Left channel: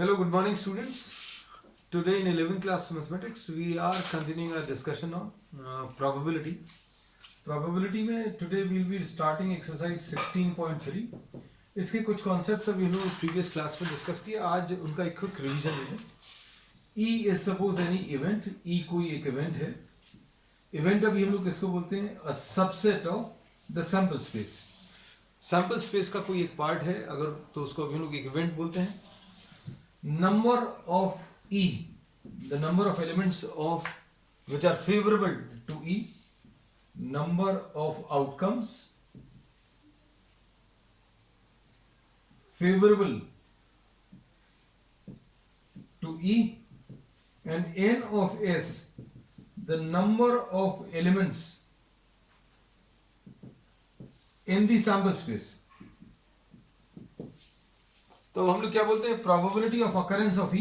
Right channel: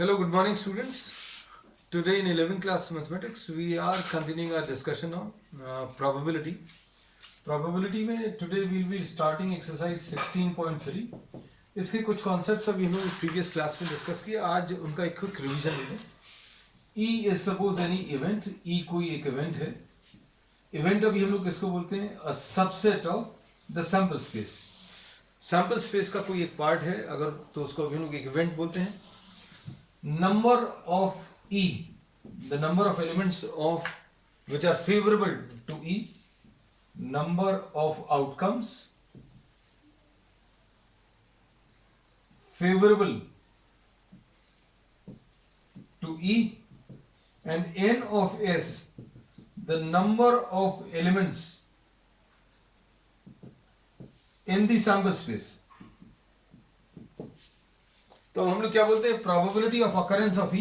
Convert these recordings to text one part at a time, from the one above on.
Hello, good morning, students. Today in 11th class mathematics, we are continuing our discussion on probability. Probability में today we will be starting exercise 16.3. इसके कुछ concepts अभी हम लोग previous class में discuss किए. आज उनका एक quick revision ले लें. E is suppose any event. E कोई एक event है. Event अभी हम लोग किसको बोलते हैं? A subset of the sample space. Sample space का कोई एक part है, अगर तो उसको अभी हम लोग एक event बोलते हैं. Number of E, the number of elements of which are favorable to E, number of outcomes favorable to E, and N of S, the number of elements in the sample space. तो हम लोग क्या बोलते हैं? Probability of occurrence of E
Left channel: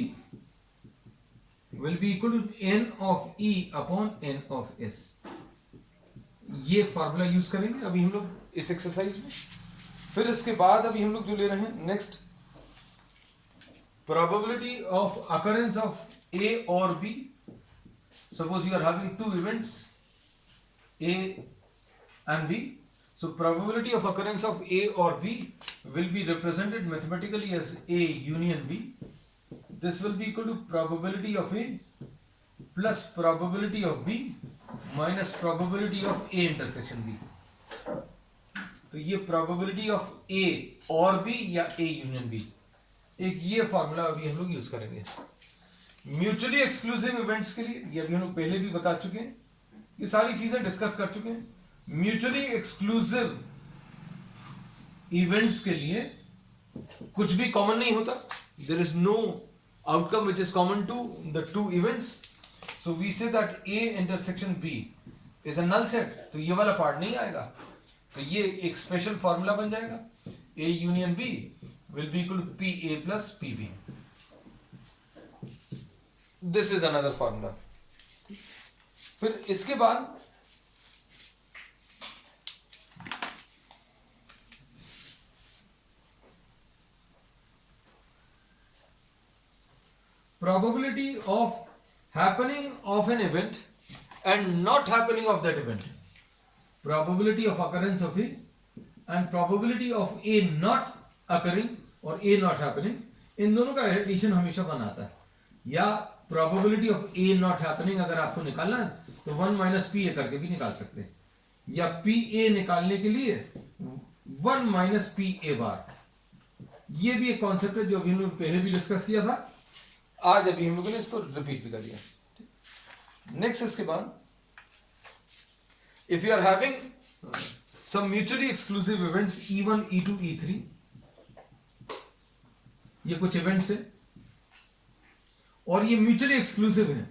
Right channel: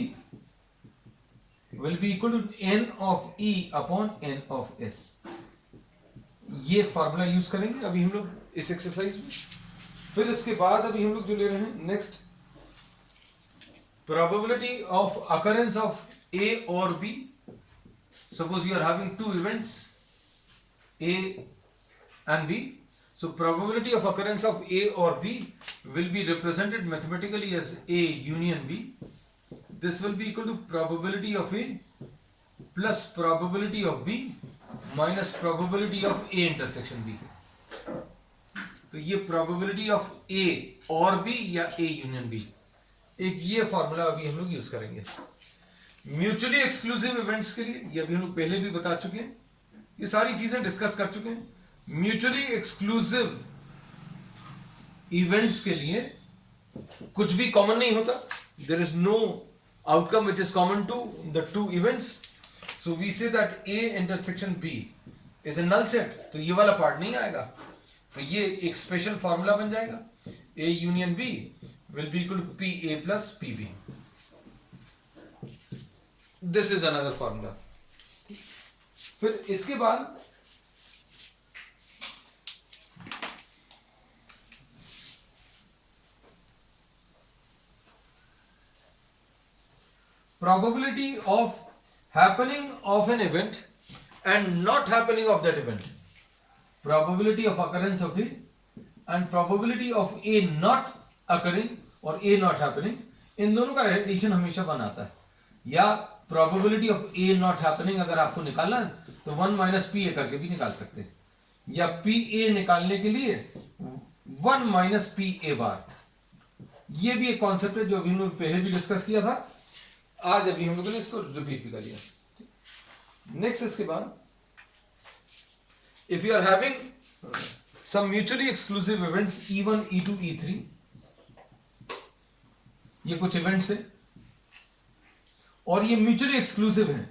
will be equal to n of E upon n of S. ये एक formula use करेंगे अभी हम लोग इस एक्सरसाइज में. फिर इसके बाद अभी हम लोग जो ले रहे हैं next, probability of occurrence of A और B. Suppose you are having two events A and B. So probability of occurrence of A or B will be represented mathematically as A union B. This will be equal to probability of A plus probability of B minus probability of A intersection B. तो ये probability of A और B या A union B, एक ये formula अभी हम लोग use करेंगे. म्यूचुअली एक्सक्लूसिव इवेंट्स के लिए ये अभी हम लोग पहले भी बता चुके हैं, ये सारी चीजें डिस्कस कर चुके हैं. म्यूचुअली एक्सक्लूसिव इवेंट्स के लिए कुछ भी कॉमन नहीं होता. There is no outcome which is common to the two events. So we say that A intersection B is a null set. तो ये वाला पार्ट नहीं आएगा, तो ये एक स्पेशल फॉर्मूला बन जाएगा. A union B will be equal to P A plus P B. This is another formula. फिर इसके बाद probability of happening of an event and not happening of that event. Probability of occurrence of A and probability of A not occurring or A not happening, इन दोनों का addition हमेशा 1 आता है. या probability of A not happening अगर आपको निकालना है तो 1 माइनस पी ए करके भी निकाल सकते हैं, या पी ए निकालने के लिए 1 माइनस पी ए बार. ये भी एक कॉन्सेप्ट है जो अभी हम लोग पहले भी डिस्कस किया था. आज अभी हम लोगों ने इसको रिपीट भी कर लिया. नेक्स्ट इसके बाद, if you are having some mutually exclusive events E1, E2, E3, ये कुछ इवेंट्स है और ये म्यूचुअली एक्सक्लूसिव है.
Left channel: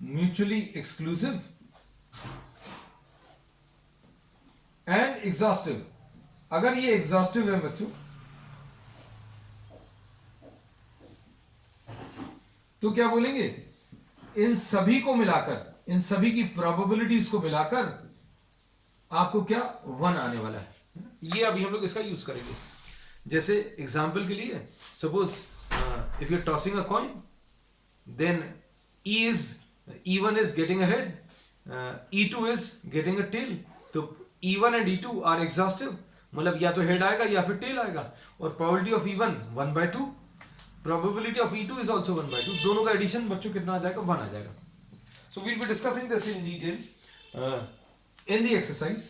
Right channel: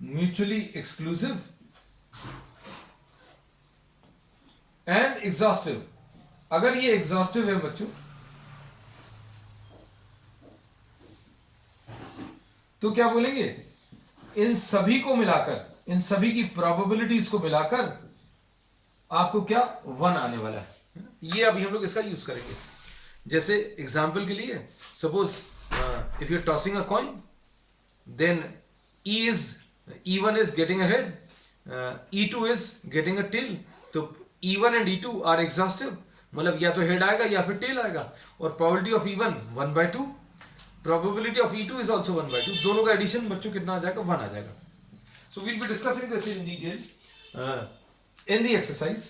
Mutually exclusive and exhaustive. अगर ये एग्जॉस्टिव है बच्चों, तो क्या बोलेंगे? इन सभी को मिलाकर, इन सभी की प्रोबेबिलिटीज को मिलाकर आपको क्या 1 आने वाला है. ये अभी हम लोग इसका यूज करेंगे. जैसे एग्जांपल के लिए, suppose if you are tossing a coin, then E1 is getting ahead, E2 is getting a tail. तो E1 and E2 are exhaustive, मतलब या तो हेड आएगा या फिर टेल आएगा. और probability of E1 1/2, probability of E2 is also 1/2. दोनों का एडिशन बच्चों कितना आ जाएगा? 1 आ जाएगा. So we'll be discussing this in detail in the exercise.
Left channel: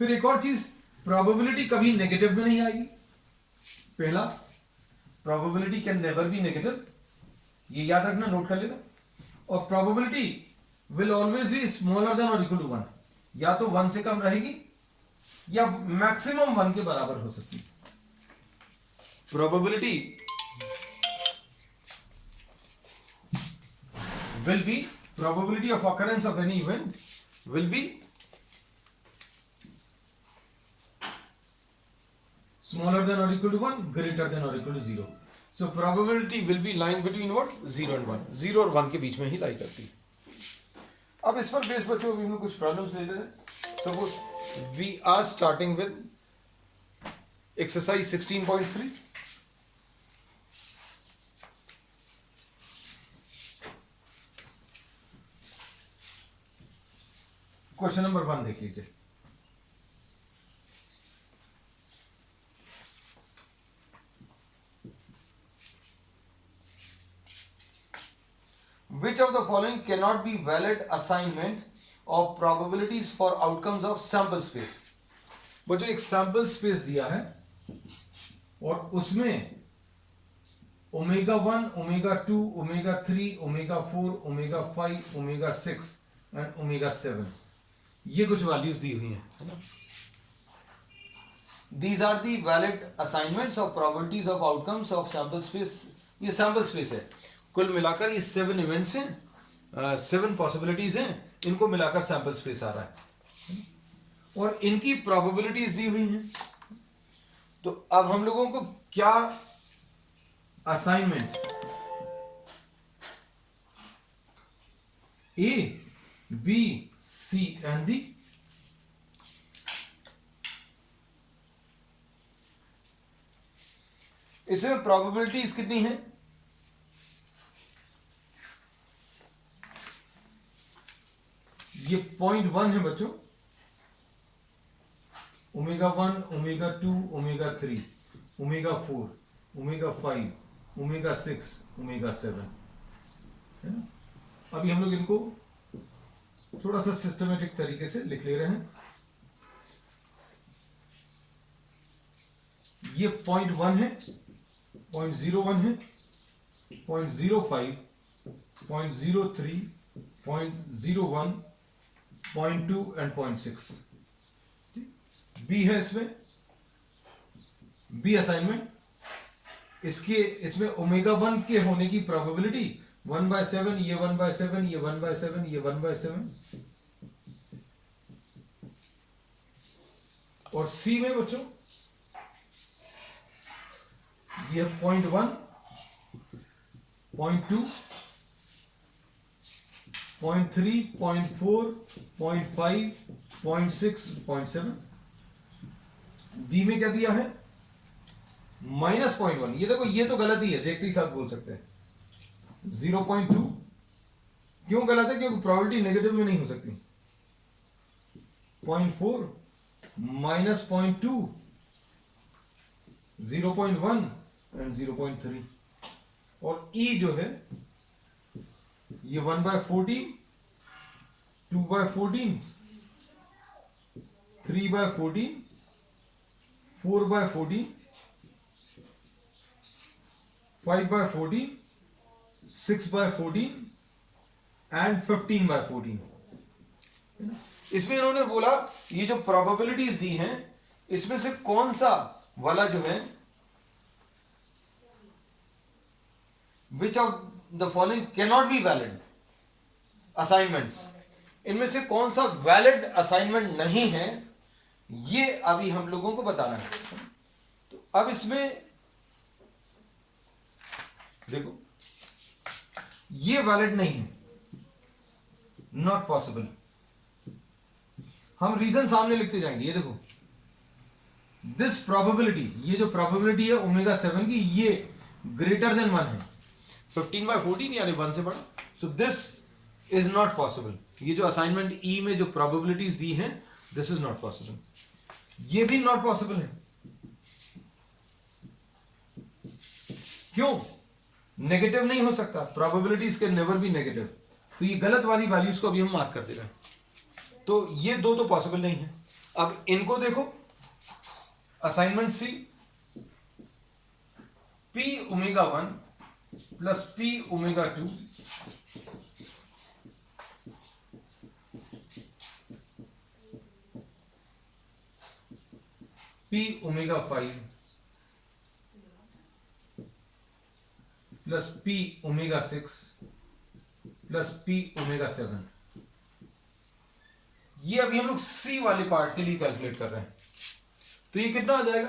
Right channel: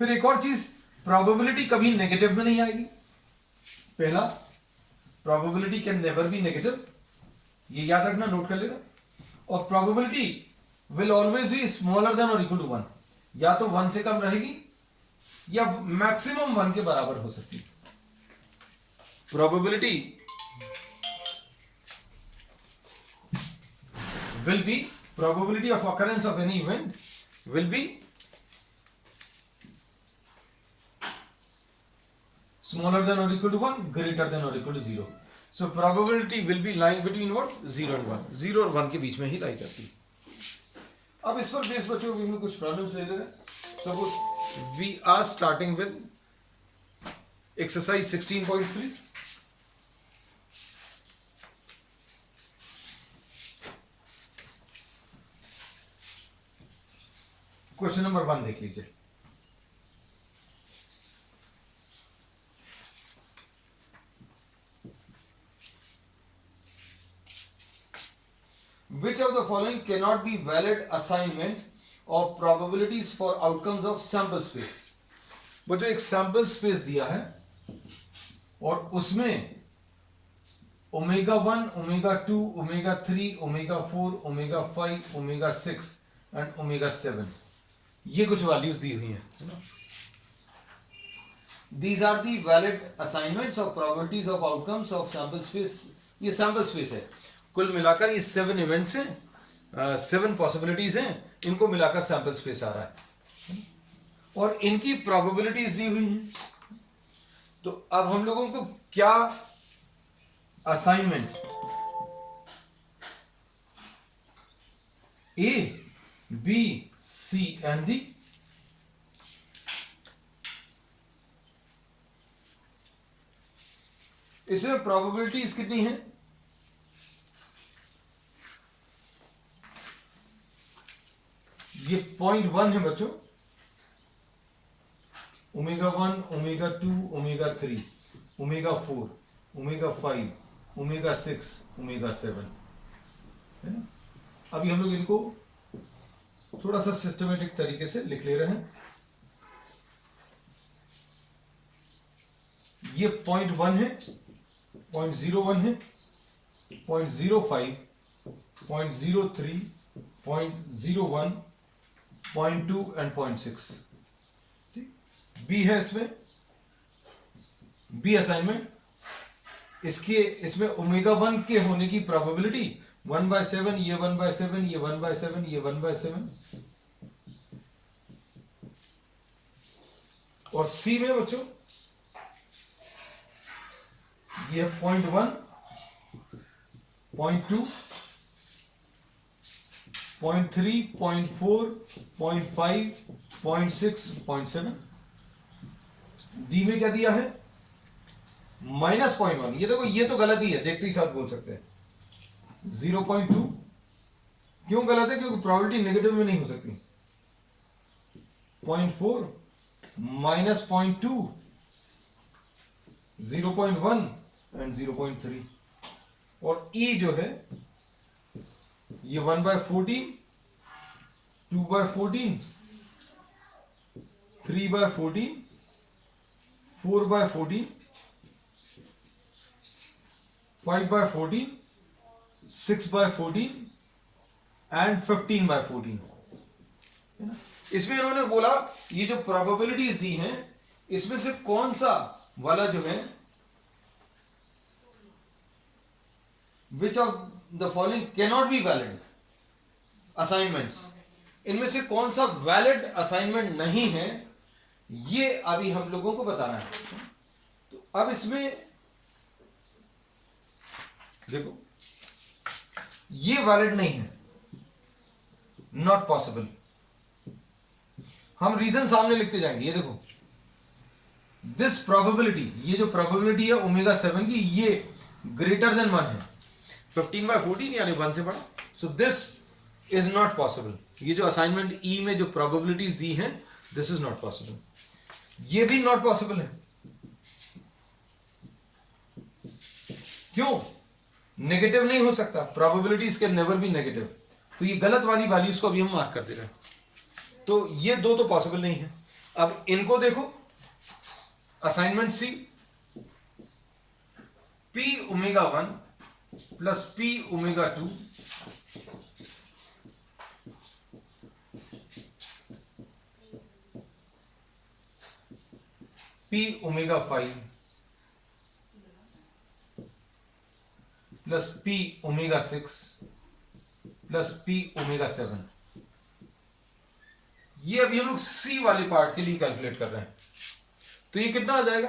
फिर एक और चीज, probability कभी नेगेटिव में नहीं आएगी. पहला, probability can never be negative. ये याद रखना, नोट कर लेना. और probability will always be smaller than or equal to 1. या तो 1 से कम रहेगी या मैक्सिमम 1 के बराबर हो सकती है. probability will be, probability of occurrence of any event will be smaller than or equal to 1, greater than or equal to 0. So probability will be lying between what? 0 and 1. 0 और 1 के बीच में ही लाई करती है. अब इस पर बेस बच्चों हम लोग कुछ प्रॉब्लम्स ले रहे हैं. Suppose we are starting with exercise 16.3. Question number 1 देख लीजिए। Which of the following cannot be valid assignment of probabilities for outcomes of sample space? वो जो एक सैंपल स्पेस दिया है और उसमें omega 1, omega 2, omega 3, omega 4, omega 5, omega 6 and omega 7, ये कुछ वैल्यूज दी हुई हैं। These are the valid assignments of probabilities of outcomes of sample space। ये सैंपल स्पेस है, कुल मिलाकर ये 7 इवेंट्स हैं, 7 पॉसिबिलिटीज हैं, इनको मिलाकर सैंपल स्पेस आ रहा है और इनकी प्रोबेबिलिटीज दी हुई हैं। तो अब हम लोगों को क्या assignment A, B, C and D, इसमें प्रोबेबिलिटीज कितनी हैं? ये 0.1 है बच्चों, omega 1, omega 2, omega 3, omega 4, omega 5, omega 6, omega 7, है ना। अभी हम लोग इनको थोड़ा सा सिस्टमेटिक तरीके से लिख ले रहे हैं। ये 0.1 है, 0.01 है, 0.05, 0.03, 0.01, 0.2 एंड 0.6। बी है, इसमें बी असाइनमेंट, इसमें ओमेगा 1 के होने की प्रोबेबिलिटी 1/7, ये 1/7, ये 1/7, ये 1/7। और सी में बच्चों ये 0.1, 0.2, 0.3, 0.4, 0.5, 0.6, 0.7। डी में क्या दिया है? -0.1। ये देखो, ये तो गलत ही है, देखते ही साथ बोल सकते हैं। 0.2 क्यों गलत है? क्योंकि प्रोबेबिलिटी नेगेटिव में नहीं हो सकती। 0.4 -0.2, 0.1 एंड 0.3। और ई जो है ये 1/14, 2/14, 3/14, 4/14, 5/14, 6/14 एंड 15/14, है ना। इसमें इन्होंने बोला ये जो प्रोबेबिलिटीज दी हैं इसमें से कौन सा वाला जो है, which of the following cannot be valid assignments, इनमें से कौन सा वैलिड असाइनमेंट नहीं है, ये अभी हम लोगों को बताना है। तो अब इसमें देखो, ये वैलिड नहीं है, नॉट पॉसिबल। हम रीजन सामने लिखते जाएंगे। ये देखो, दिस प्रोबेबिलिटी, ये जो प्रोबेबिलिटी है ओमेगा 7 की, ये ग्रेटर देन 1 है, 15/14 यानी 1 से बड़ा। So this is not possible. ये जो असाइनमेंट ई में जो प्रोबेबिलिटीज दी हैं, दिस इज नॉट पॉसिबल। ये भी नॉट पॉसिबल है। क्यों? नेगेटिव नहीं हो सकता, probabilities can never be negative. तो ये गलत वाली वैल्यूज को अभी हम मार्क कर दे रहे हैं। तो ये दो तो पॉसिबल नहीं है। अब इनको देखो, assignment C, P omega 1 plus P omega 2 P omega 5 plus P omega 6 plus P omega 7। ये अभी हम लोग सी वाली पार्ट के लिए कैलकुलेट कर रहे हैं। तो ये कितना आ जाएगा?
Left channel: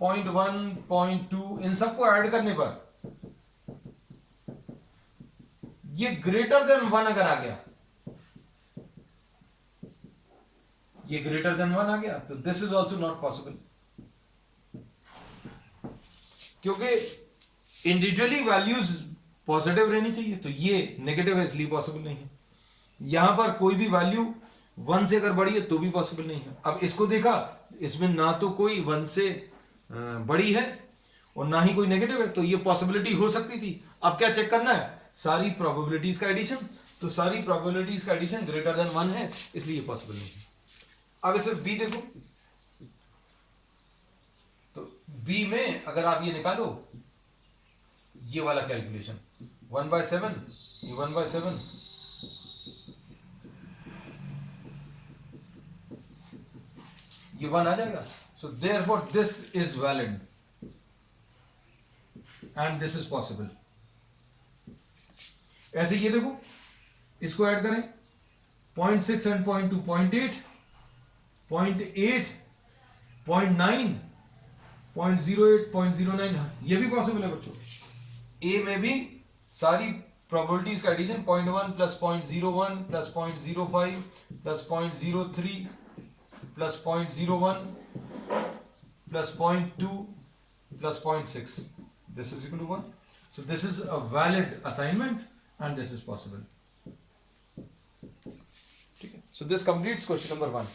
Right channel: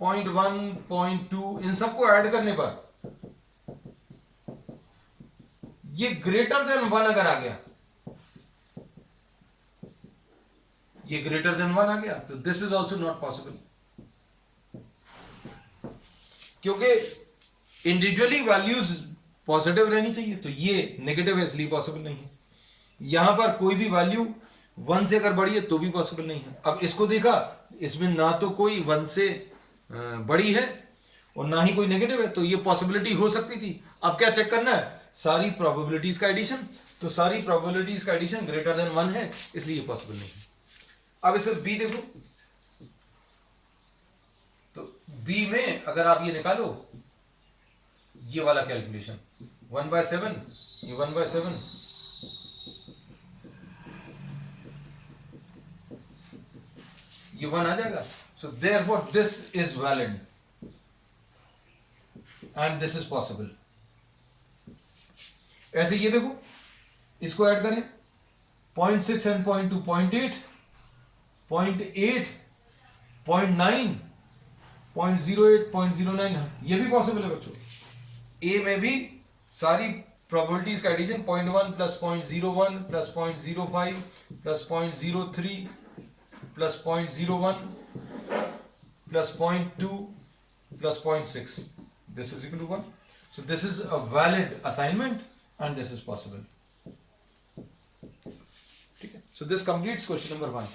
0.1, 0.2, इन सबको ऐड करने पर ये ग्रेटर देन 1 अगर आ गया, ये ग्रेटर देन 1 आ गया, तो this is also not possible. क्योंकि इंडिविजुअली वैल्यूज पॉजिटिव रहनी चाहिए, तो ये नेगेटिव है, इसलिए पॉसिबल नहीं है। यहां पर कोई भी वैल्यू 1 से अगर बड़ी है तो भी पॉसिबल नहीं है। अब इसको देखा, इसमें ना तो कोई 1 से बड़ी है और ना ही कोई नेगेटिव है, तो ये पॉसिबिलिटी हो सकती थी। अब क्या चेक करना है, सारी प्रोबेबिलिटीज का एडिशन, तो सारी प्रोबेबिलिटीज का एडिशन ग्रेटर देन 1 है, इसलिए ये पॉसिबल नहीं है। अब इसे बी देखो, तो बी में अगर आप ये निकालो, ये वाला कैलकुलेशन 1/7, ये 1/7, ये 1 आ जाएगा। So therefore this is valid and this is possible. ऐसे ये देखो, इसको ऐड करें 0.6 एंड 0.2, 0.8, 0.8, 0.9, 0.08, 0.09, ये भी पॉसिबल है बच्चों। ए में भी सारी प्रोबेबिलिटीज का addition 0.1 plus 0.01 plus 0.05 plus 0.03 plus 0.01 plus 0.2 plus 0.6, this is equal to 1. So this is a valid assignment and this is possible. ठीक है, so this completes question number 1.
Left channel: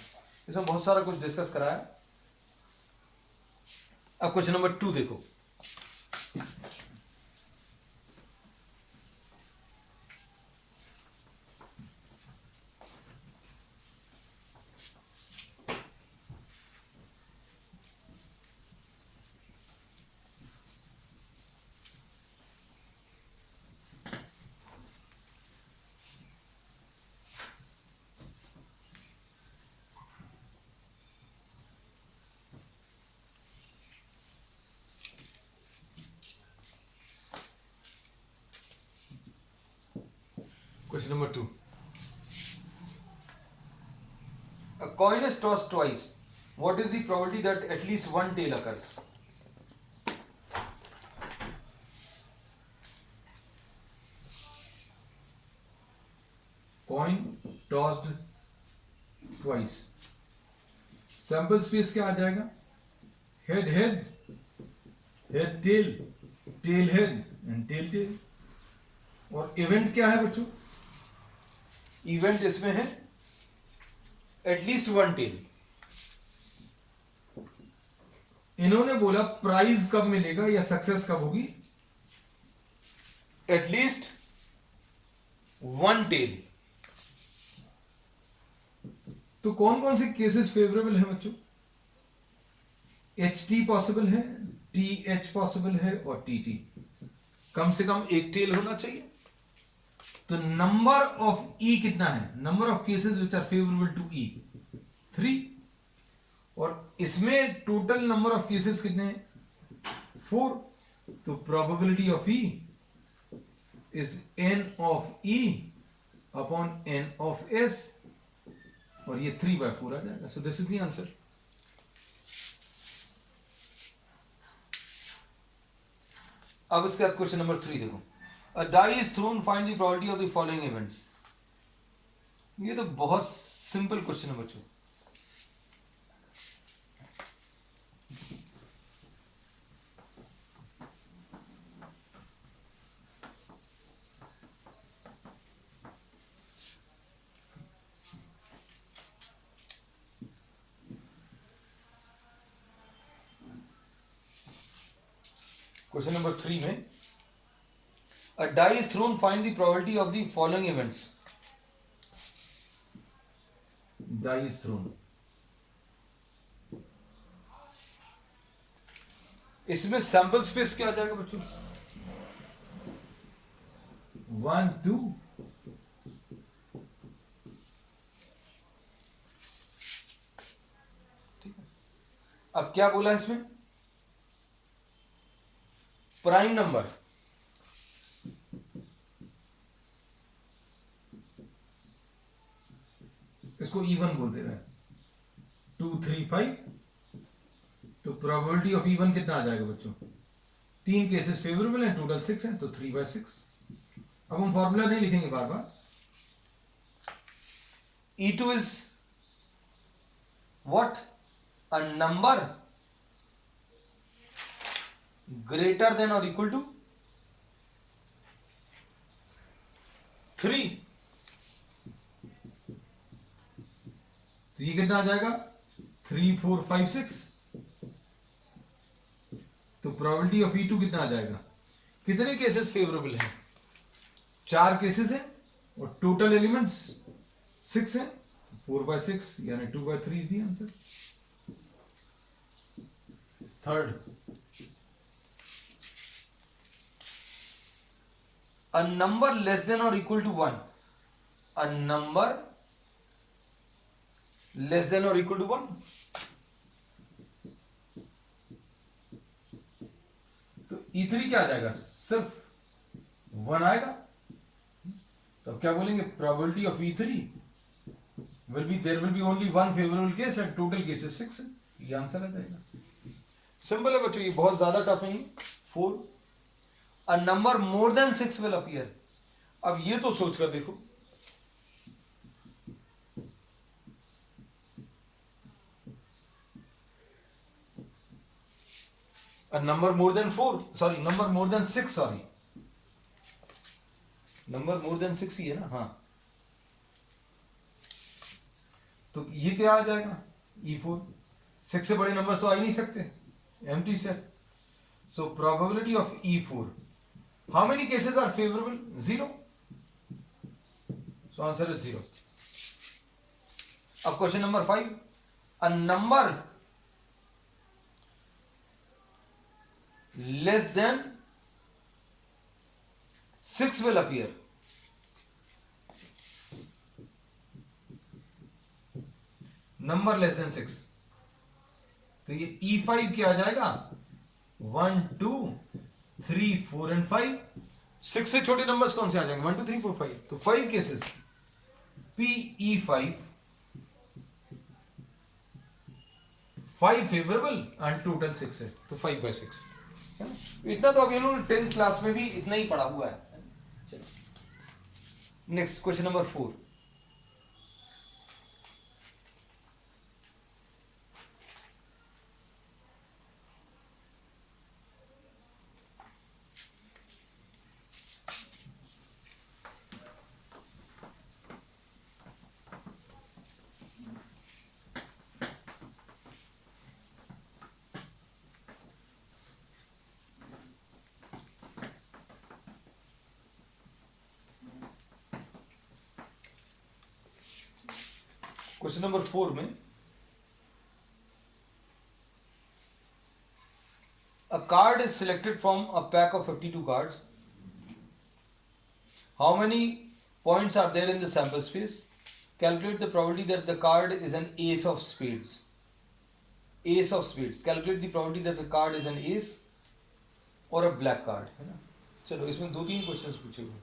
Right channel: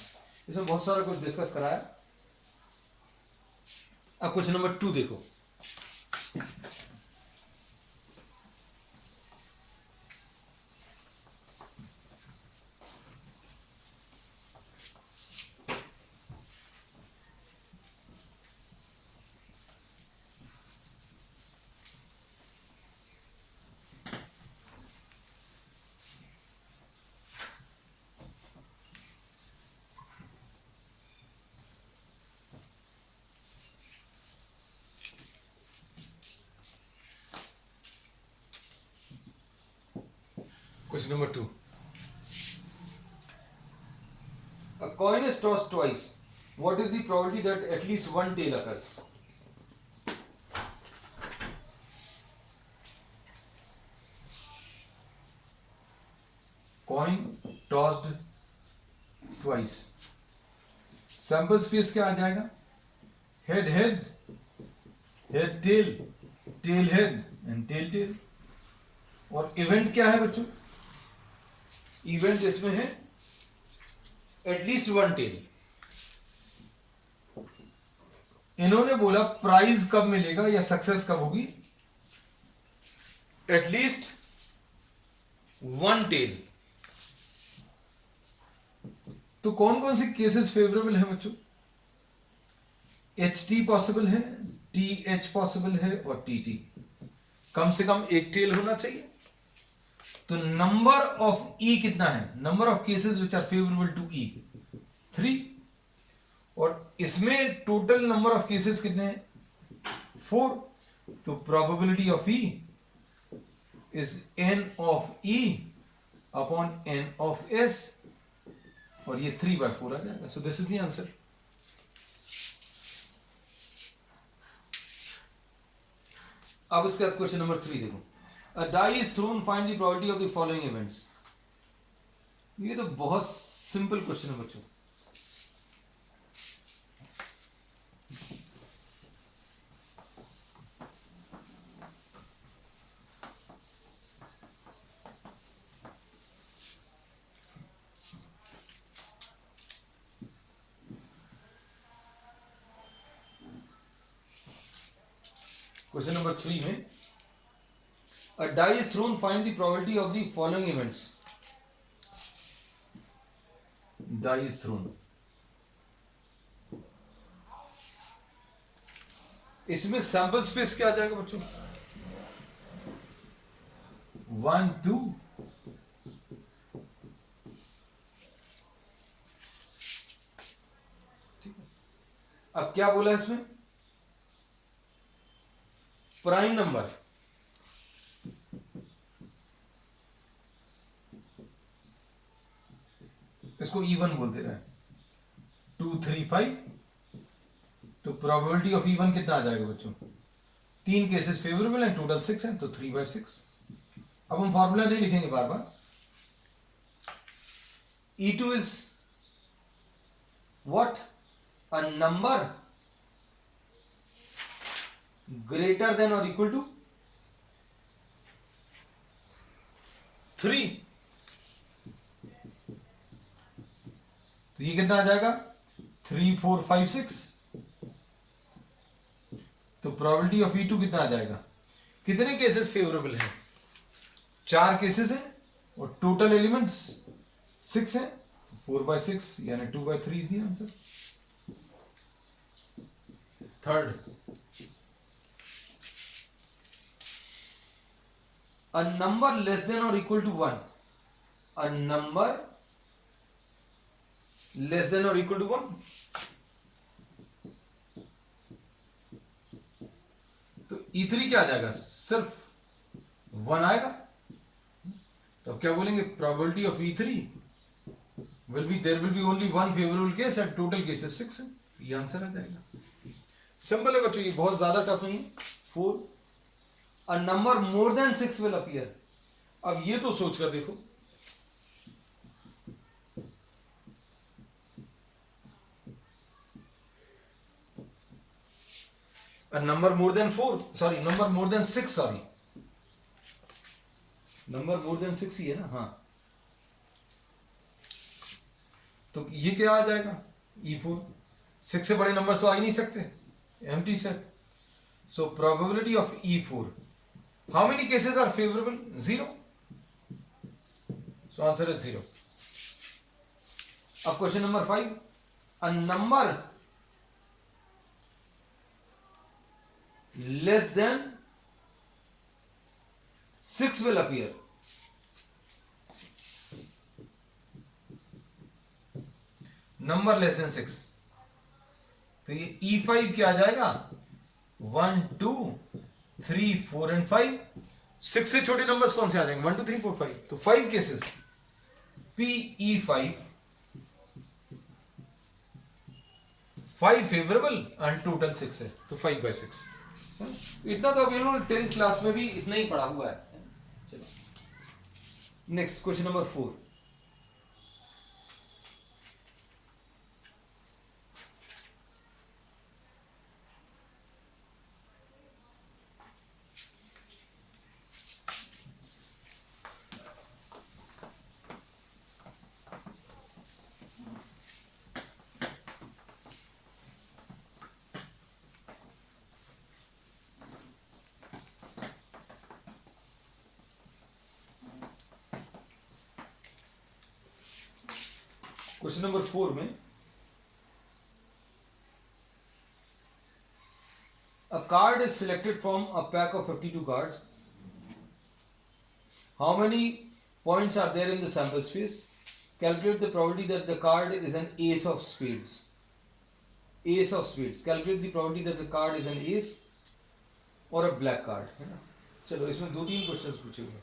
इसमें बहुत सारा कुछ डिस्कस कराया। अब क्वेश्चन नंबर 2 देखो। Question number 2. A coin is tossed twice. What is the probability that at least one tail occurs? Coin tossed twice. Sample space क्या आ जाएगा? Head head, head tail, tail head and tail tail. और event क्या है बच्चों? Event इसमें है at least 1 tell. इन्होंने बोला प्राइज कब मिलेगा या सक्सेस कब होगी? At least 1 tail. तो कौन कौन से केसेस फेवरेबल है बच्चों? HT पॉसिबल है, TH पॉसिबल है और TT। कम से कम एक टेल होना चाहिए। तो नंबर ऑफ ई कितना है? Number of cases which are favourable to E 3, और इसमें टोटल नंबर ऑफ केसेस कितने हैं? 4। तो probability of E is n of e upon n of s, और ये 3/4 आ जाएगा। So this is the answer. अब इसके बाद क्वेश्चन नंबर 3 देखो। A die is thrown, find the probability of the following events. ये तो बहुत सिंपल क्वेश्चन है बच्चों। क्वेश्चन नंबर 3 में a die is thrown, find the probability of the following events. Die is thrown. इसमें sample space क्या आ जाएगा बच्चों? 1 2, ठीक है। अब क्या बोला इसमें? प्राइम नंबर, इसको इवन बोल दे रहे हैं, 2 3 5। तो प्रोबेबिलिटी ऑफ इवन कितना आ जाएगा बच्चों? 3 केसेस फेवरेबल हैं, टोटल 6 हैं, तो 3/6। अब हम फॉर्मूला नहीं लिखेंगे बार बार। E2 is what? A number greater than और इक्वल टू 3। तो ये कितना आ जाएगा 3 4 5 6। तो प्रोबेबिलिटी ऑफ E2 कितना आ जाएगा, कितने केसेस फेवरेबल हैं, 4 केसेस हैं और टोटल एलिमेंट्स 6 हैं, 4/6 यानी 2/3 is the answer. Third, a number less than or equal to 1, a number less than or equal to 1, तो E3 क्या आ जाएगा, सिर्फ 1 आएगा। तो अब क्या बोलेंगे, probability of E3 will be, there will be only 1 favourable case and total cases 6 है। ये आंसर आ जाएगा। सिंपल है बच्चों, ये बहुत ज्यादा टफ नहीं। 4, a number more than 6 will appear। अब ये तो सोचकर देखो, a number more than 4, sorry, number more than 6, sorry, number more than 6 ही है ना, हाँ। तो ये क्या आ जाएगा, E4। 6 से बड़े नंबर तो आ ही नहीं सकते, empty set। So probability of E4, how many cases are favorable? 0। So answer is 0। अब question number 5, a number less than 6 will appear। Number less than 6, तो ये E5 क्या आ जाएगा, 1 2 3 4 एंड 5। 6 से छोटे नंबर्स कौन से आ जाएंगे, 1 2 3 4 5। तो 5 cases PE5, 5 favourable and total 6 है, तो 5/6। इतना तो अभी इन्होंने 10th क्लास में भी इतना ही पढ़ा हुआ है। Next question number 4, question number 4 में a card is selected from a pack of 52 cards. How many points are there in the sample space? Calculate the probability that the card is an ace of spades. Ace of spades. Calculate the probability that the card is an ace or a black card. है ना? चलो इसमें 2-3 questions पूछे हुए।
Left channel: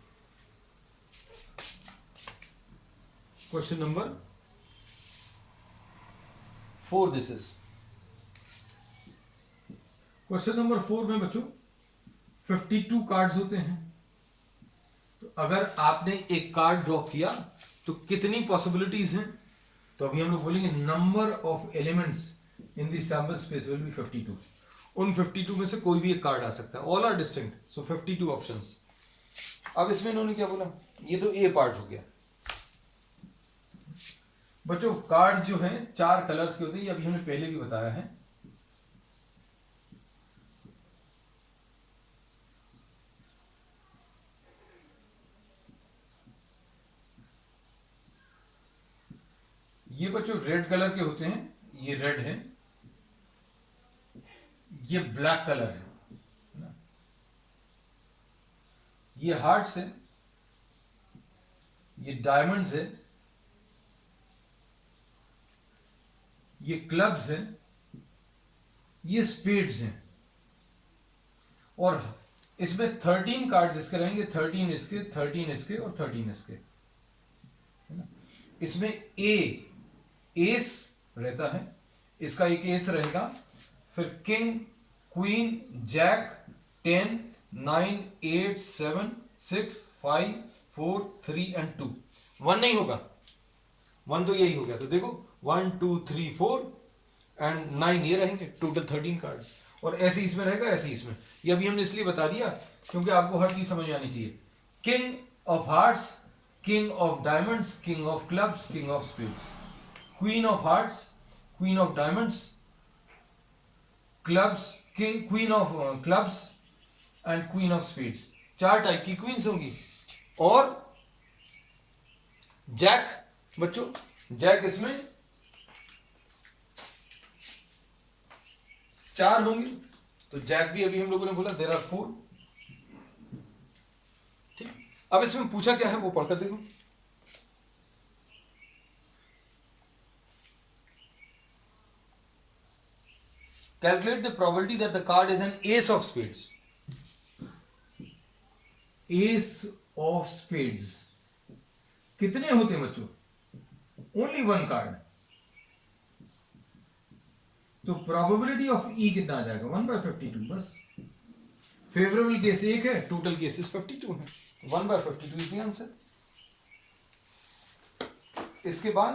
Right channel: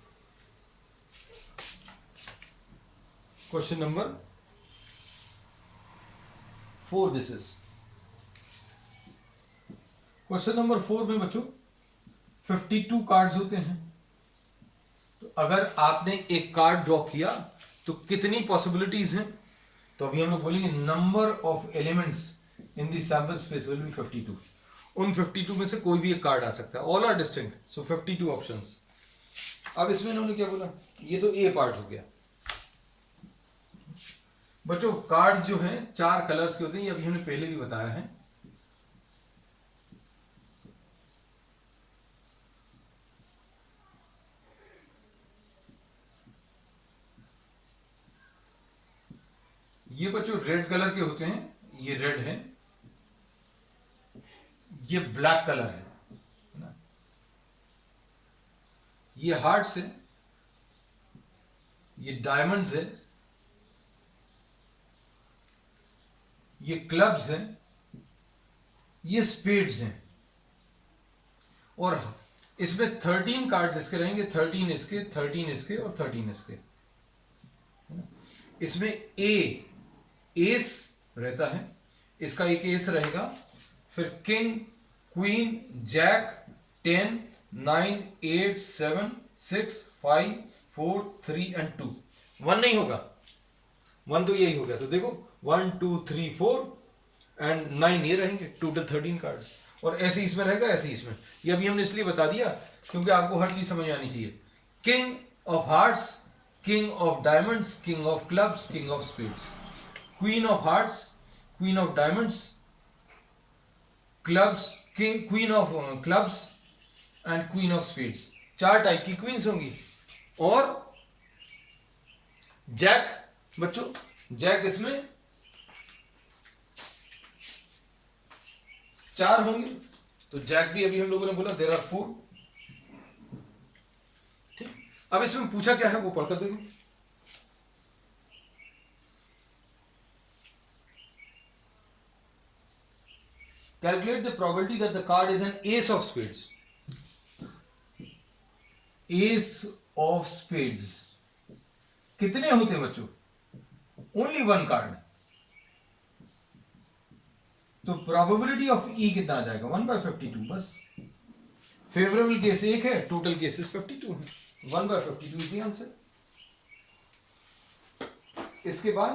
Question number 4 this is. Question number 4 में बच्चों 52 cards होते हैं। तो अगर आपने एक कार्ड ड्रॉ किया तो कितनी पॉसिबिलिटीज हैं, तो अभी हम लोग बोलेंगे number of elements in the sample space will be 52। उन 52 में से कोई भी एक कार्ड आ सकता है, all are distinct, so 52 options. अब इसमें इन्होंने क्या बोला, ये तो ए पार्ट हो गया। बच्चों कार्ड्स जो हैं 4 कलर्स के होते हैं, ये अभी हमने पहले भी बताया है। ये बच्चों रेड कलर के होते हैं, ये रेड है, ये ब्लैक कलर है ना, ये हार्ट्स है, ये डायमंड्स है, ये क्लब्स हैं, ये स्पेड्स हैं। और इसमें 13 कार्ड्स इसके रहेंगे, 13 इसके, 13 इसके और 13 इसके, है ना। इसमें एस रहता है, इसका एक एस रहेगा, फिर किंग, क्वीन, जैक, 10 9 8 7 6 5 4 3 एंड 2। 1 नहीं होगा, 1 तो यही हो गया। तो देखो 1 2 3 4 एंड 9 ये रहेंगे, टोटल 13 कार्ड्स। और ऐसे इसमें रहेगा, ऐसे इसमें। ये अभी हमने इसलिए बता दिया क्योंकि आपको हर चीज समझ आनी चाहिए। King of hearts, king of diamonds, king of clubs, king of spades, queen of hearts, queen of diamonds, clubs, king, queen of clubs and queen of spades. 4 type की क्वींस होंगी। और जैक बच्चों, जैक इसमें 4 होंगे। तो Jack भी अभी हम लोगों ने बोला देयर आर 4। ठीक, अब इसमें पूछा क्या है वो पढ़कर देखो। Calculate the probability that the card is an ace of spades. Ace of spades कितने होते हैं बच्चों? Only one card. तो probability of E कितना आ जाएगा? 1/52 बस। फेवरेबल केस 1 है, टोटल केसेस 52 है। 1/52 इज द आंसर। इसके बाद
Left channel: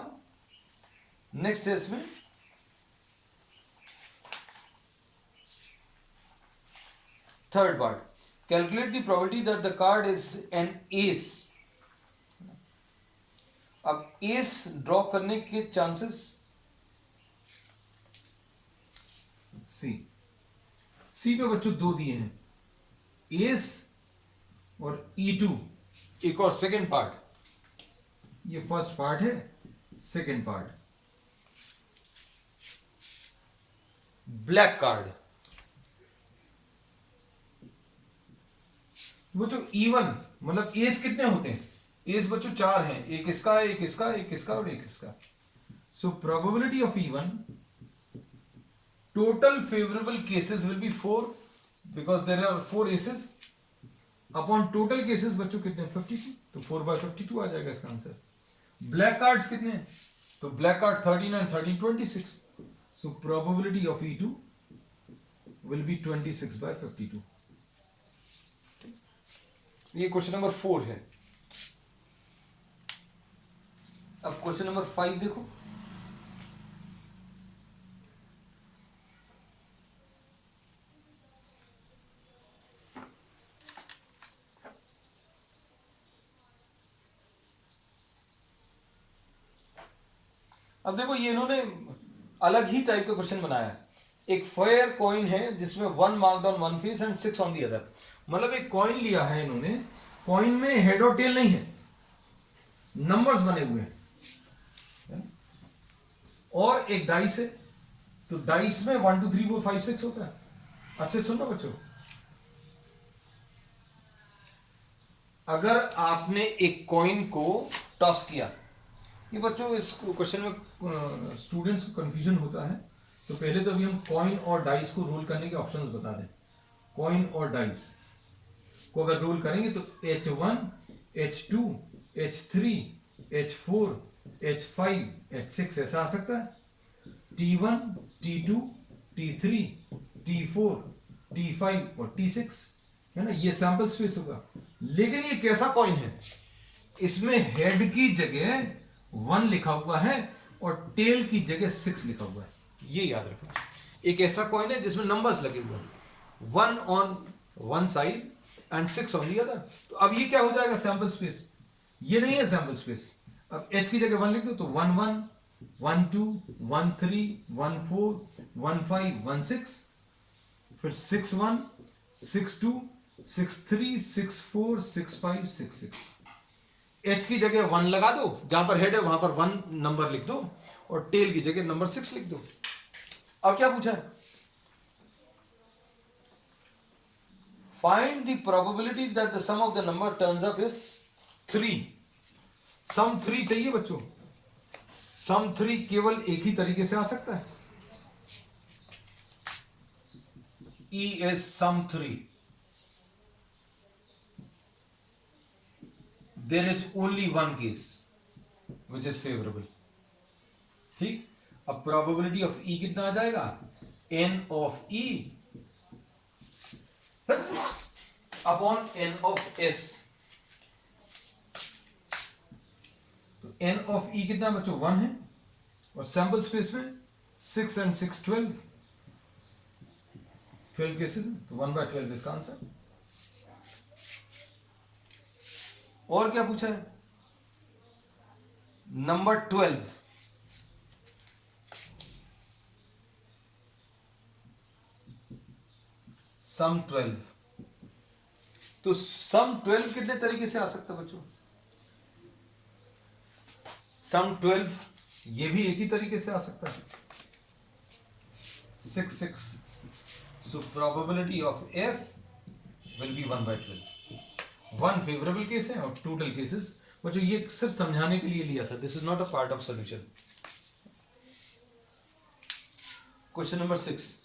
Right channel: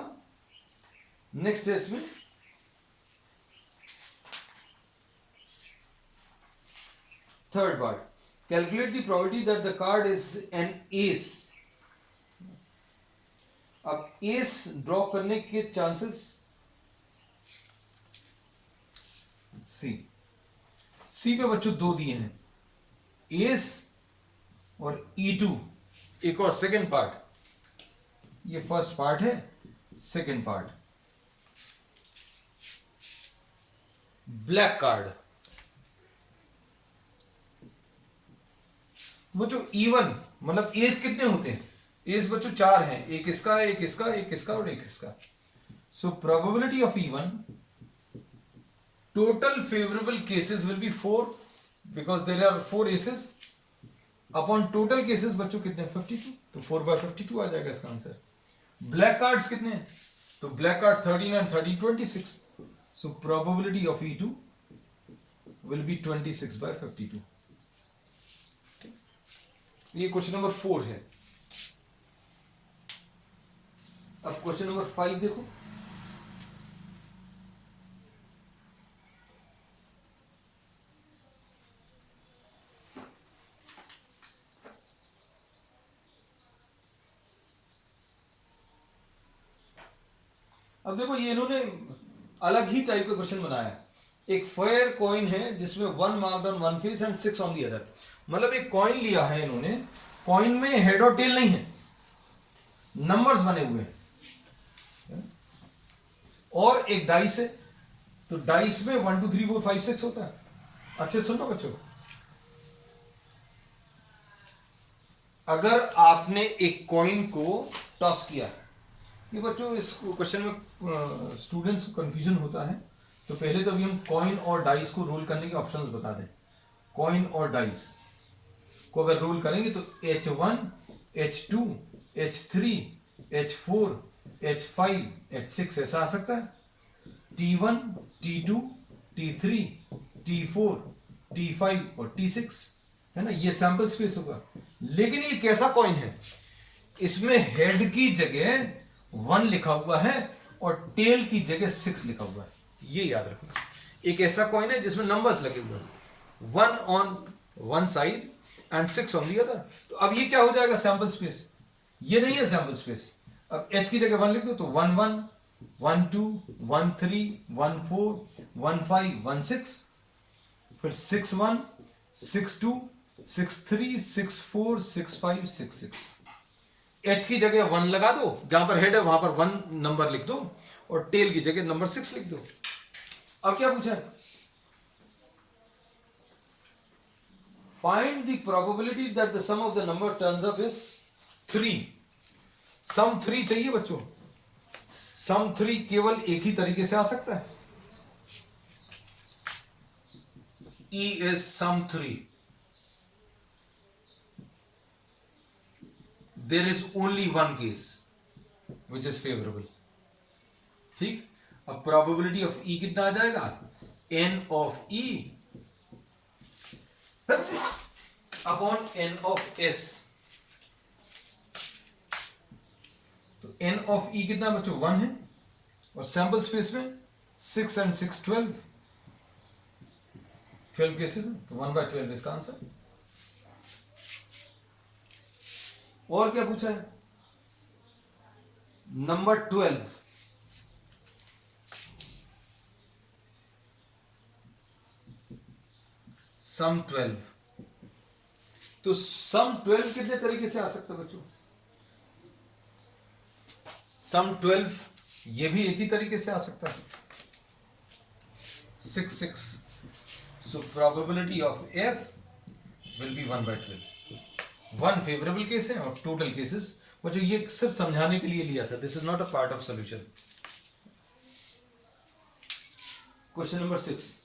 नेक्स्ट है इसमें third part, calculate the probability that the card is an S. अब एस ड्रॉ करने के चांसेस सी पे बच्चों 2 दिए हैं, एस और E2। एक और सेकेंड पार्ट, ये फर्स्ट पार्ट है, सेकेंड पार्ट ब्लैक कार्ड। बच्चों E1 मतलब एस कितने होते हैं? एस बच्चों 4 हैं, एक इसका, एक इसका, एक इसका और एक इसका। So probability of E1, total favourable cases will be 4 because there are 4 aces upon total cases बच्चों कितने? 52। तो 4/52 आ जाएगा इसका आंसर। ब्लैक कार्ड्स कितने हैं? तो black card 13 and 13 26। So probability of E2 will be 26/52। ये क्वेश्चन नंबर 4 है। अब क्वेश्चन नंबर 5 देखो। अब देखो ये इन्होंने अलग ही टाइप का क्वेश्चन बनाया है। एक फेयर कॉइन है जिसमें 1 marked on one face and 6 on the other. मतलब एक कॉइन लिया है इन्होंने, कॉइन में हेड और टेल नहीं है, नंबर्स बने हुए हैं, और एक डाइस है। तो डाइस में 1 2 3 4 5 6 होता है। अच्छे सुनो बच्चों, अगर आपने एक कॉइन को टॉस किया, ये बच्चों इस क्वेश्चन में स्टूडेंट्स को कंफ्यूजन होता है, तो पहले तो अभी हम कॉइन और डाइस को रोल करने के ऑप्शंस बता दें। कॉइन और डाइस को अगर रोल करेंगे तो H1, H2, H3, H4, H5, H6 ऐसा आ सकता है। T1, T2, T3, T4, T5 और T6 है ना, ये सैंपल स्पेस होगा। लेकिन ये कैसा कॉइन है? इसमें हेड की जगह 1 लिखा हुआ है और टेल की जगह 6 लिखा हुआ है, ये याद रखना। एक ऐसा कॉइन है जिसमें नंबर्स लगे हुए हैं, 1 on one side and 6 on the other. तो अब ये क्या हो जाएगा? Sample space. ये नहीं है सैंपल स्पेस। अब H की जगह 1 लिख दो तो 1 1 1 2 1 3 1 4 1 5 1 6, फिर 6 1 6 2 6 3 6 4 6 5 6 6। H की जगह 1 लगा दो, जहां पर हेड है वहां पर 1 नंबर लिख दो, और टेल की जगह नंबर 6 लिख दो। अब क्या पूछा है? Find the probability that the sum of the number turns up is 3। Sum 3 चाहिए बच्चों। सम 3 केवल एक ही तरीके से आ सकता है, E is sum 3। There is only one case which is favorable। ठीक, अब प्रोबेबिलिटी ऑफ E कितना आ जाएगा? N of E upon N of S। तो N of E कितना बच्चों? 1 है, और सैंपल स्पेस में 6 and 6 12 केसेस है, तो 1/12 इसका आंसर। और क्या पूछा है? नंबर 12 सम 12। तो सम 12 कितने तरीके से आ सकता है बच्चों? सम 12 ये भी एक ही तरीके से आ सकता है, 6 6। सो probability of F will be 1/12। 1 favourable case है और टोटल केसेस बच्चों ये सिर्फ समझाने के लिए लिया था, this is not a part of solution. Question number 6,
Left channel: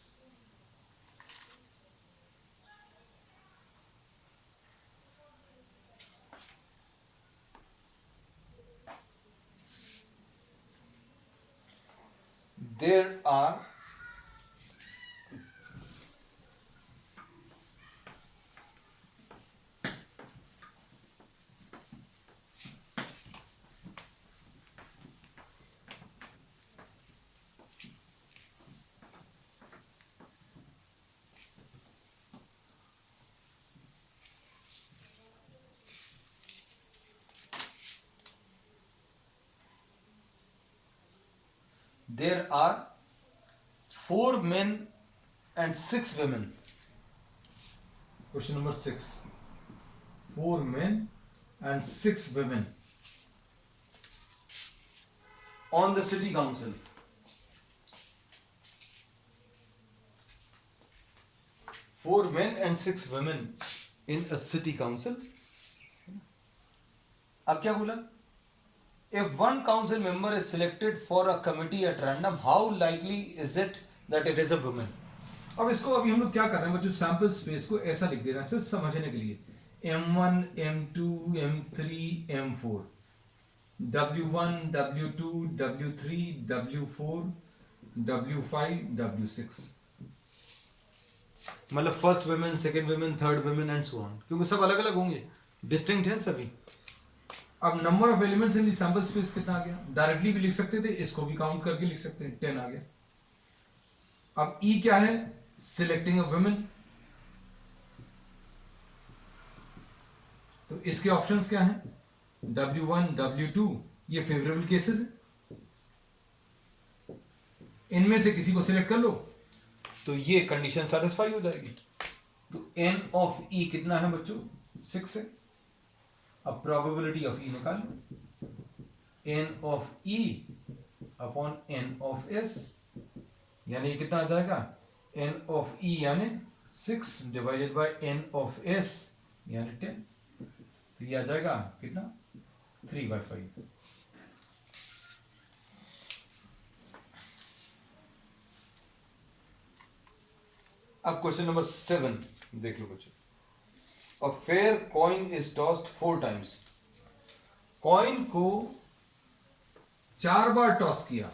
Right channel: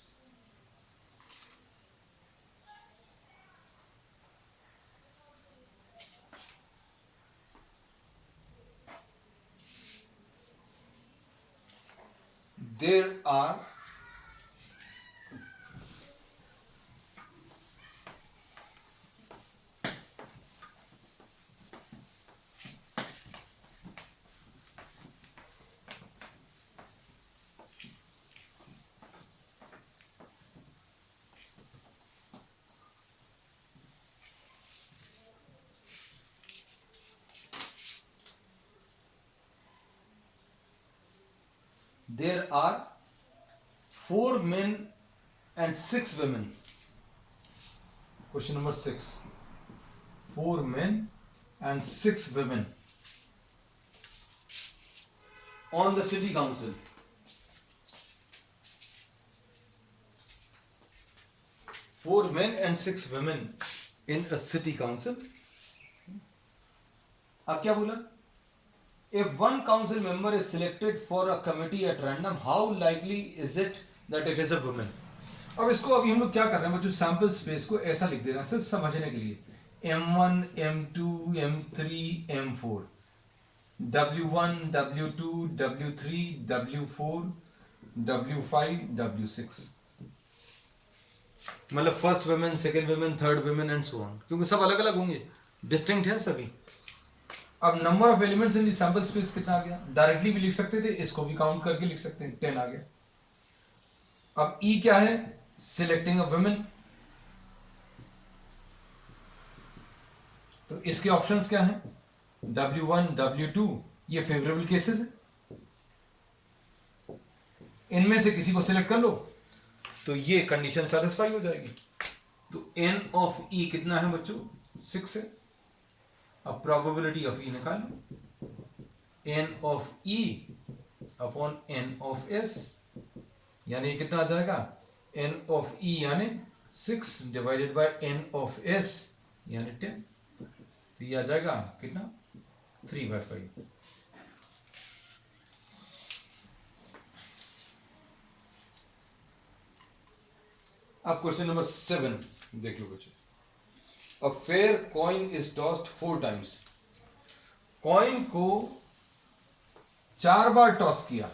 there are there are 4 men and 6 women. Question number 6, 4 men and 6 women on the city council. 4 men and 6 women in a city council. अब क्या बोला? If one council member is selected for a committee at random, how likely is it that it is a woman? अब इसको अभी हम लोग क्या कर रहे हैं बच्चों, सैंपल स्पेस को ऐसा लिख दे रहे हैं सिर्फ समझने के लिए, M1 M2 M3 M4, W1 W2 W3 W4 W5 W6, मतलब first women, second women, third women and so on, क्योंकि सब अलग अलग होंगे, डिस्टिंक्ट है सभी। अब number of elements in the sample space कितना आ गया? डायरेक्टली भी लिख सकते थे, इसको भी काउंट करके लिख सकते हैं, 10 आ गया। अब ई क्या है? Selecting a women. तो इसके ऑप्शंस क्या हैं? W1 W2 ये फेवरेबल केसेस है, इनमें से किसी को सिलेक्ट कर लो तो ये कंडीशन सेटिस्फाई हो जाएगी। तो n ऑफ e कितना है बच्चों? 6 है। अब प्रोबेबिलिटी ऑफ ई निकाल लो, n of e upon n of s, यानी कितना आ जाएगा? n ऑफ e यानी 6 divided by n of s यानी 10, तो ये आ जाएगा कितना? 3/5। अब क्वेश्चन नंबर 7 देख लो बच्चों। A fair coin is tossed 4 times. Coin को 4 बार टॉस किया,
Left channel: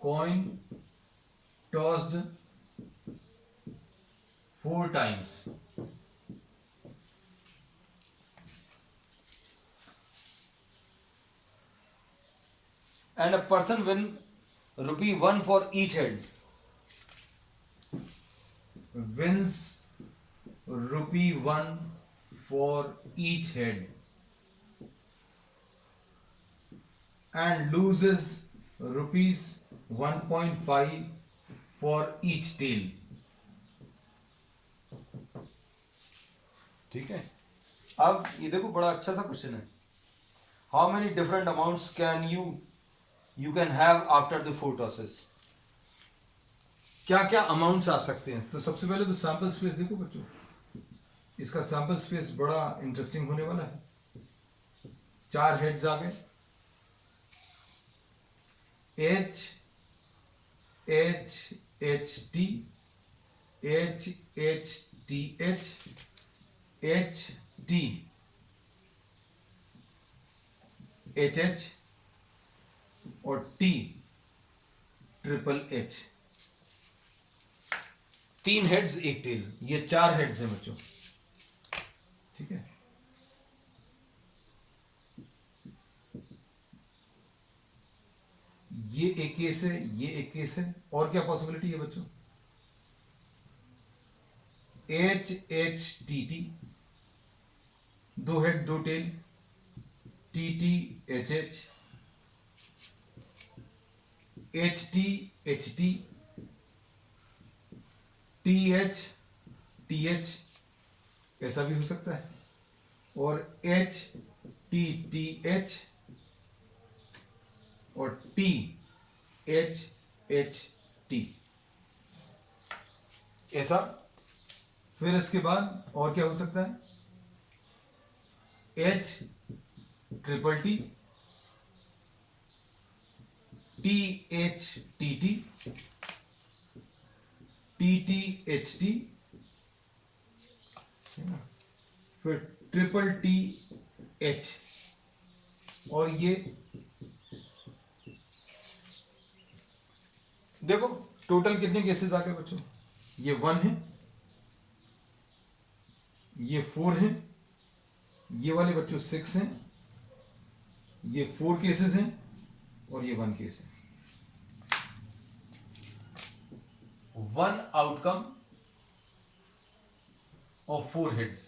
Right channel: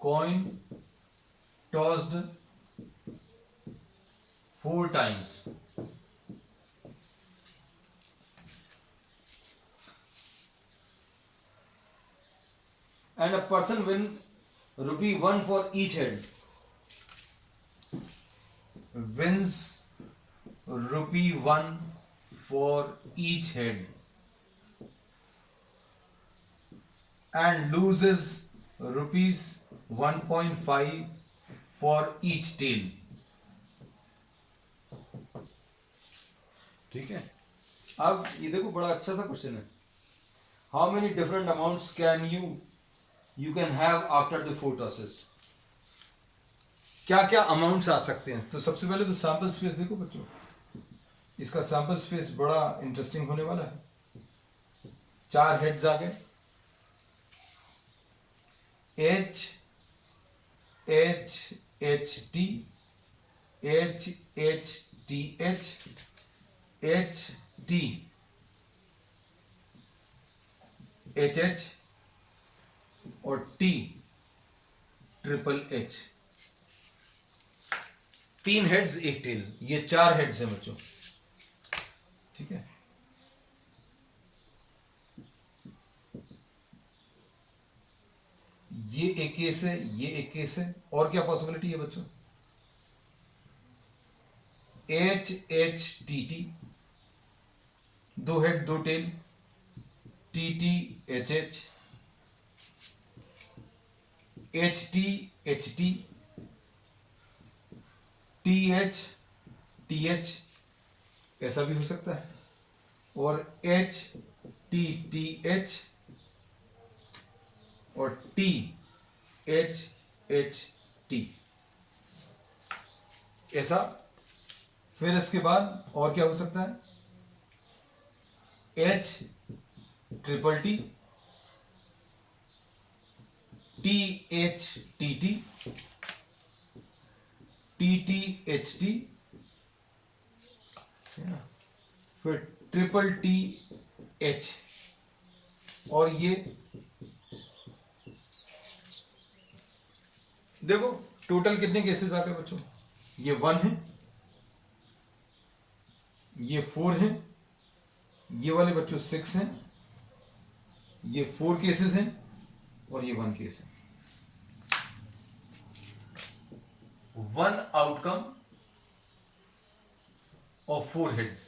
coin tossed 4 times. And a person win ₹1 for each head. Wins ₹1 for each head and loses ₹1.5 for each tail. ठीक है। अब ये देखो बड़ा अच्छा सा क्वेश्चन है। How many different amounts can you can have after the 4 tosses? क्या क्या अमाउंट्स आ सकते हैं? तो सबसे पहले तो सैंपल स्पेस देखो बच्चों, इसका सैंपल स्पेस बड़ा इंटरेस्टिंग होने वाला है। 4 हेड्स आ गए, H H H T H H T H H T H H और T triple H। 3 heads 1 tail, ये 4 हेड्स हैं बच्चों, ठीक है। ये एक केस है, ये एक केस है, और क्या पॉसिबिलिटी है बच्चों? एच एच टी टी, दो हेड दो tail, T T H H, H T H T, T H, ऐसा भी हो सकता है, और एच टी एच, और टी एच टी, ऐसा। फिर इसके बाद और क्या हो सकता है, H triple T, T H T T, T H T, फिर ट्रिपल टी एच, और ये देखो टोटल कितने केसेस आ गए बच्चों, ये 1 है, ये 4 है, ये वाले बच्चों 6 हैं, ये 4 केसेस हैं, और ये 1 केस है। 1 आउटकम ऑफ 4 हेड्स।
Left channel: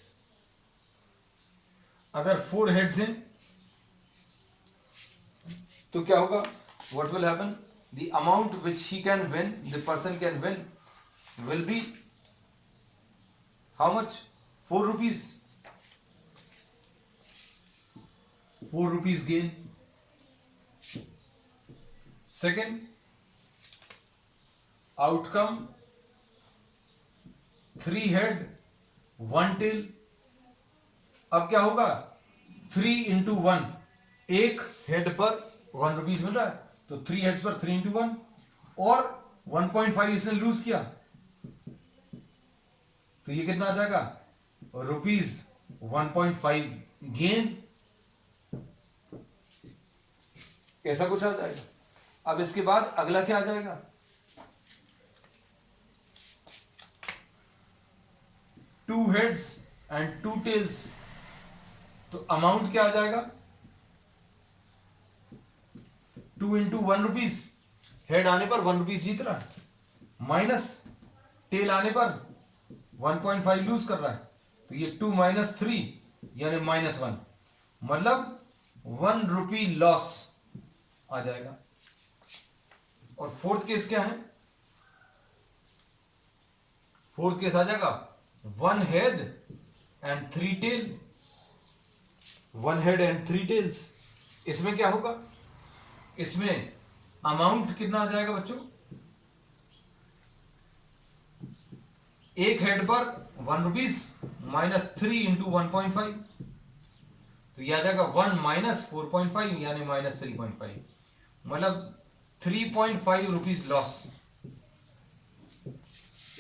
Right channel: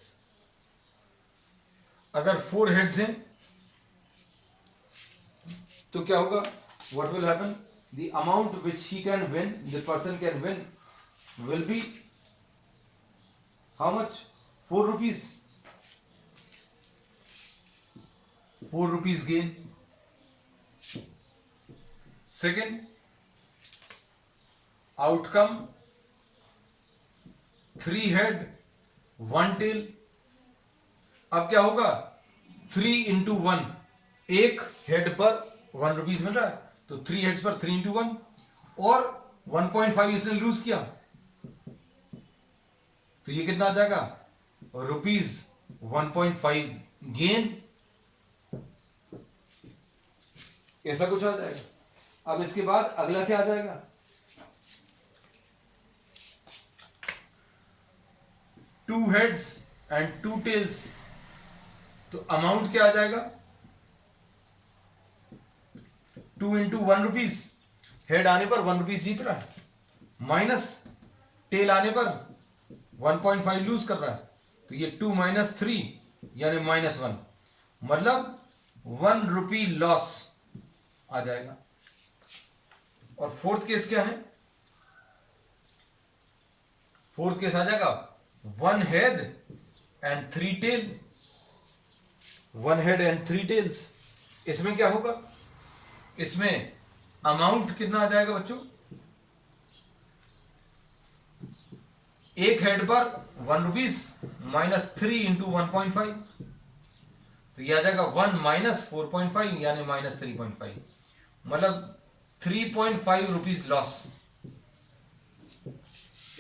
अगर 4 हेड्स हैं तो क्या होगा, what will happen, the amount which he can win, the person can win will be how much, 4 rupees, 4 rupees gain. Second, outcome 3 head 1 tail. अब क्या होगा, 3 into 1, एक हेड पर 1 रुपीज मिल रहा है, तो 3 हेड्स पर 3 into 1, और 1.5 इसने लूज किया, तो ये कितना आ जाएगा, रुपीज 1.5 गेन, ऐसा कुछ आ जाएगा। अब इसके बाद अगला क्या आ जाएगा, 2 heads and 2 tails, तो अमाउंट क्या आ जाएगा, 2 into 1 रुपीज, हेड आने पर 1 रुपीज जीत रहा है, माइनस टेल आने पर 1.5 लूज कर रहा है, तो ये 2 - 3 यानी -1, मतलब 1 रुपी लॉस आ जाएगा। और फोर्थ केस क्या है, फोर्थ केस आ जाएगा 1 head and 3 tail, 1 head and 3 tails. इसमें क्या होगा, इसमें अमाउंट कितना आ जाएगा बच्चों, एक हेड पर 1 रुपीज -3 into 1.5, तो यह आ जाएगा 1 - 4.5 यानी -3.5, मतलब 3.5 रुपीज लॉस।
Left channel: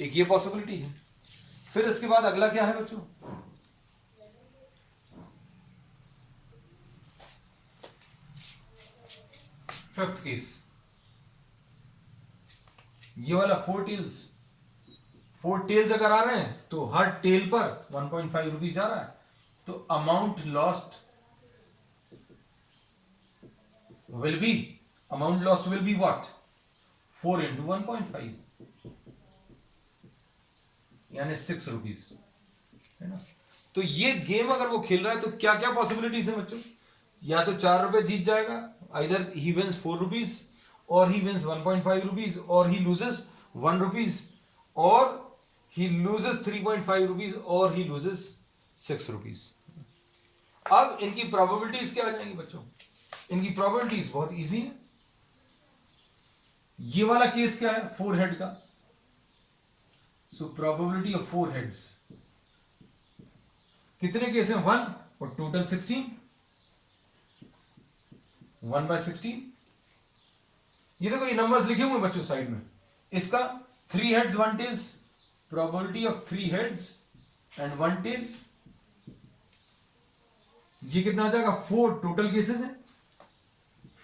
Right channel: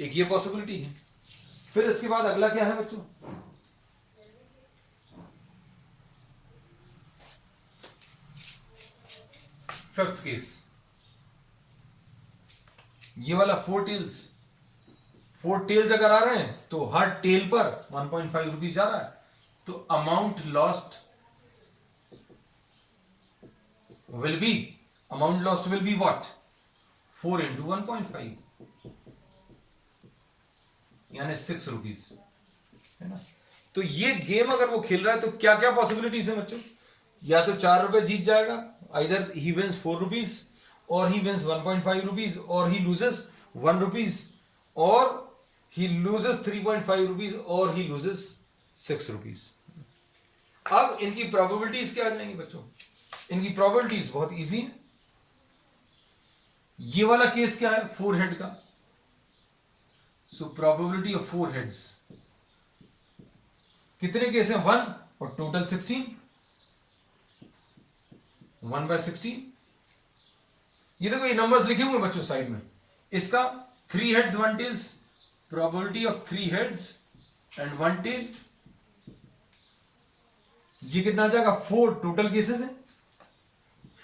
एक ये पॉसिबिलिटी है। फिर इसके बाद अगला क्या है बच्चों, फिफ्थ केस, ये वाला 4 टेल्स, 4 टेल्स अगर आ रहे हैं तो हर टेल पर 1.5 रुपीज जा रहा है, तो amount lost will be what, 4 into 1.5 यानी 6 रुपीज, है ना। तो ये गेम अगर वो खेल रहा है तो क्या क्या पॉसिबिलिटीज है बच्चों, या तो 4 रुपए जीत जाएगा, आइदर ही विंस 4 रुपीज, और ही विंस 1.5 रुपीज, और ही लूजेस 1 रुपीज, और ही लूजेस 3.5 रुपीज, और ही लूजेस 6 रुपीज। अब इनकी प्रोबेबिलिटीज क्या आ जाएंगी बच्चों, इनकी प्रोबेबिलिटीज बहुत इजी है। ये वाला केस क्या है, 4 हेड का, सो प्रोबेबिलिटी ऑफ 4 हेड्स, कितने केस हैं, 1, और टोटल 16, 1/16। ये देखो ये नंबर्स लिखे हुए बच्चों साइड में, इसका 3 heads 1 tails, probability of 3 heads and 1 tail, ये कितना आ जाएगा, 4 टोटल केसेस है,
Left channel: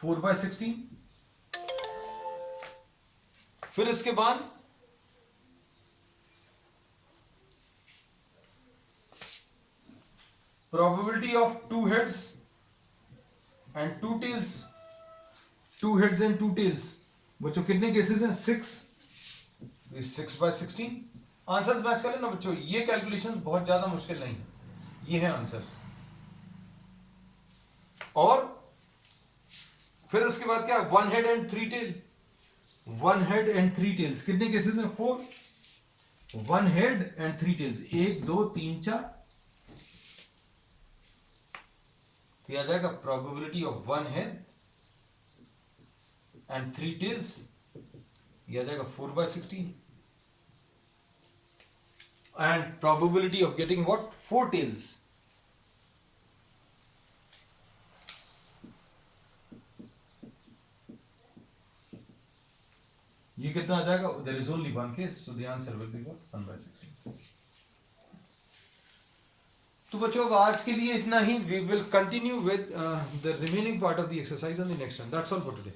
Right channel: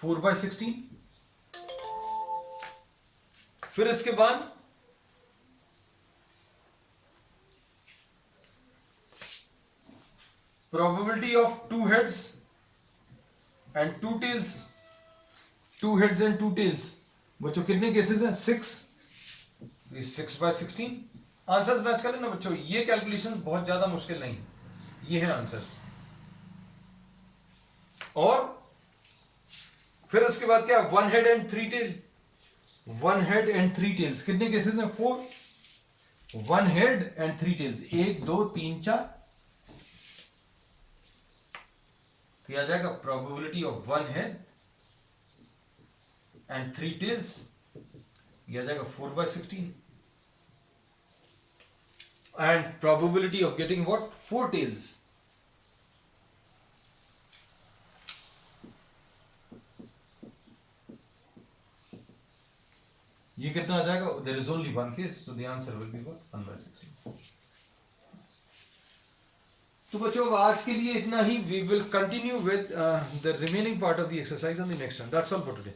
4/16। फिर इसके बाद probability of 2 heads and 2 tails, 2 heads and 2 tails, बच्चों कितने केसेस हैं, 6, 6/16। आंसर्स मैच कर लेना बच्चों, ये कैलकुलेशन बहुत ज्यादा मुश्किल नहीं है, ये है आंसर्स। और फिर उसके बाद क्या, one head and three tail, one head and three tails, कितने केसेस में, 4, one head and three tails, 1 2 3 4, तो यह आ जाएगा probability of one head and three tails, यह आ जाएगा 4/16, and probability of getting what, 4 tails, ये कितना आ जाएगा, there is only one case, so the answer will be what, 1/16। तो बच्चों आज के लिए इतना ही, we will continue with the remaining part of the exercise on the next one, that's all for today.